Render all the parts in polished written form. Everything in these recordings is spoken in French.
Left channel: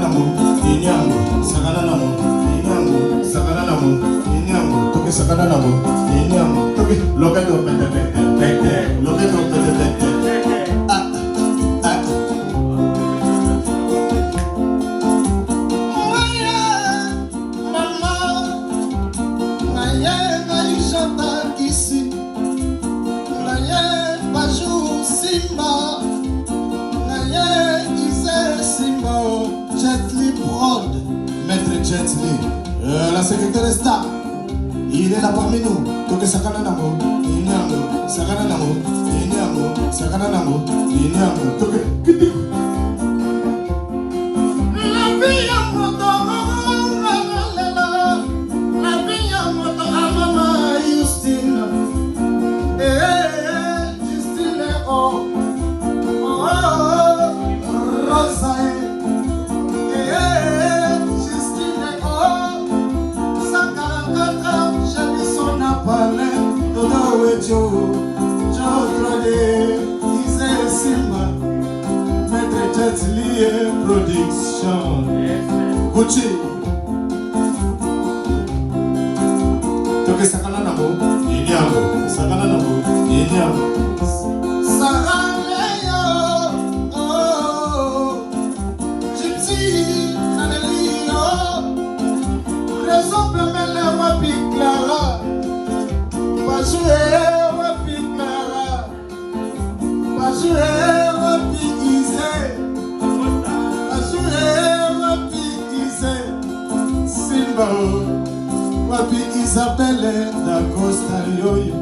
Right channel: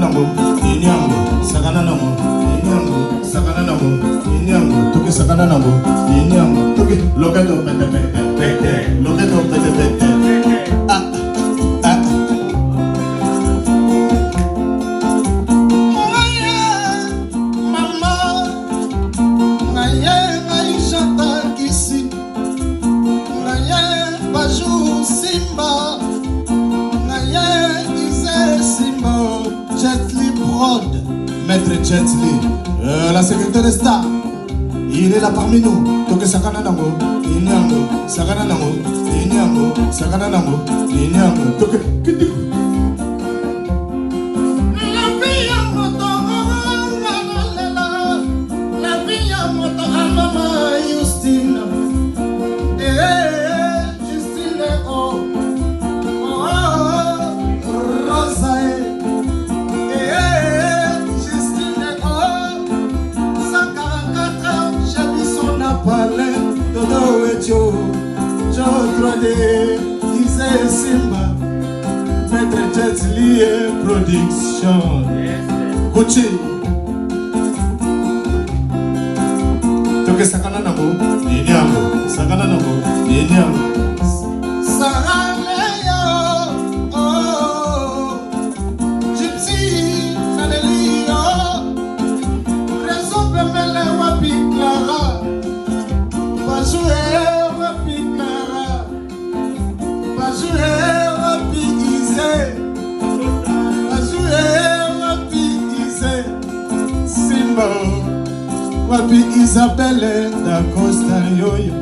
nango, inyango, sakana nango, inyango, sakana nango, inyango, toke sakana nango, inyango, toke loketo pete pete, loketo pete pete. Maître Jetli, la sécurité des stars, il est là parmi nous. Toke sakana nango, inyango, sakana nango, inyango, sakana nango, inyango, toke kiti. La vie en moto, la vie en moto, mama Justine, Justine, oh, Rosae. Jetli production. Gucci. Toke sakana nango, inyango, sakana nango, inyango. Sahaleyo, oh, Gypsy, Fanelio, Rezo Pemela wapikla, Bajue wapikla, Bajue wapikize. Wapi Isabelle da Costa Yoyo,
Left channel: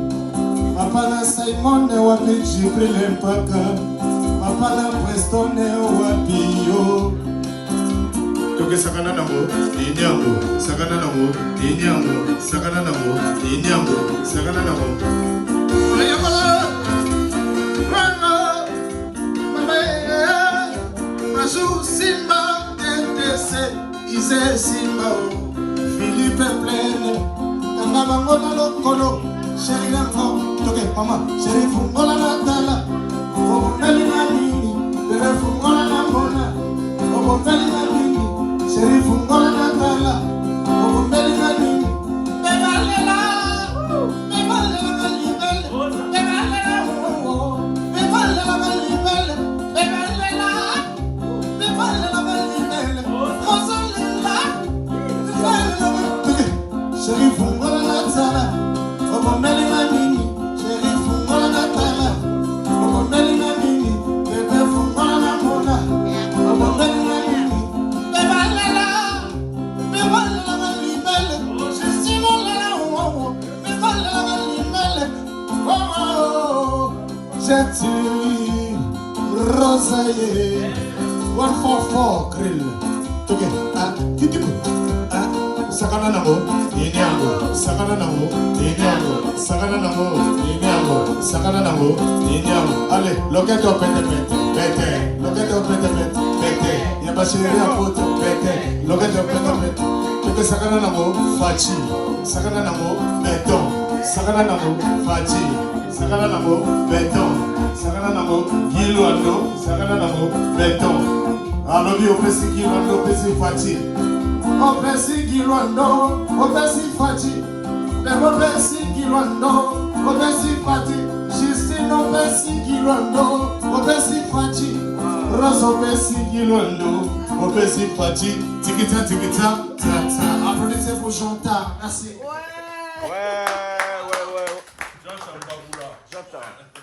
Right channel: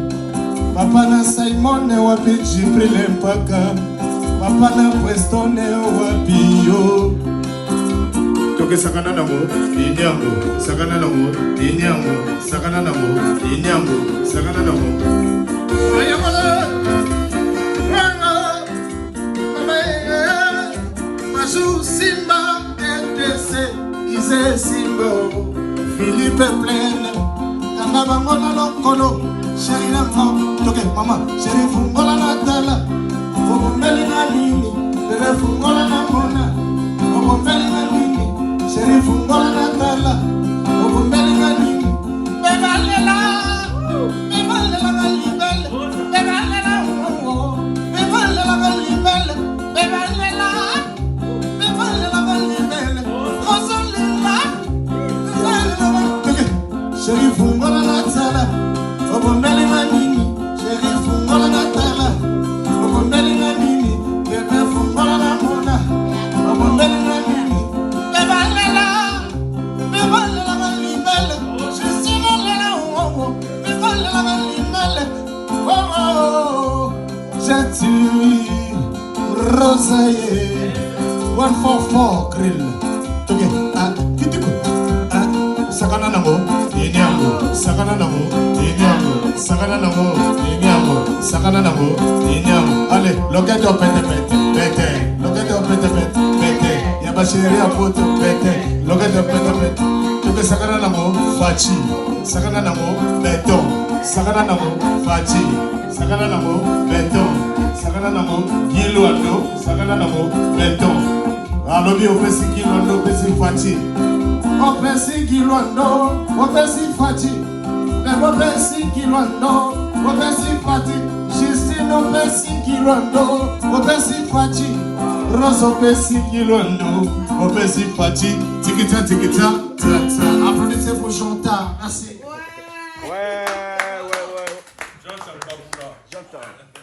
Papa na Simon wapi Jibril Mpaka, Papa na Preston wapi yo. Toke sakana nango, inyango, sakana nango, inyango, sakana nango, inyango, sakana nango. Oyamala, wano, mama, Maju Simba, NTC, Ise Simba. Philippe Pleine, Kama Bangola Lokolo, Shaina Kam, Toke Mama, Sheriff Ngola Natala, Obumbele na Mini, Sheriff Ngola na Mona, Obumbele na Mini, Sheriff Ngola Natala, Obumbele na Mini, Bevalela, Bevalela Galibele, Bevalela, Bevalela Galibele, Bevalela, Bevalela Galibele, Rosalina. Sheriff Ngola Natala, Obumbele na Mini, Sheriff Ngola Natala, Obumbele na Mini, Sheriff Ngola na Mona, Obumbele na Mini, Bevalela, Bevalela Galibele, Justina Wowo, Bevalela Galibele, oh, Jetli, Rosae, 144 Grill, toge, kitiku. Sakana nango, inyango, sakana nango, inyango, sakana nango, inyango, sakana nango, inyango. Allez, loketo pete pete, pete, loketo pete pete, pete. Yaba chérie en photo, pete, loketo pete pete. Toke sakana nango, fachi, sakana nango, béton, sakana nango, fachi, sakana nango, béton, sakana nango, kilo ando, sakana nango, béton. Alobi opesi kilo ando, opesi fachi. Opesi kilondo, opesi fati, opesi kilondo, opesi fati, Justine opesi kilondo, opesi fati, Rose opesi kilondo, opesi fati, tikita tikita, tata. Applaudissez pour Jonta, merci. Ouais. J'entends.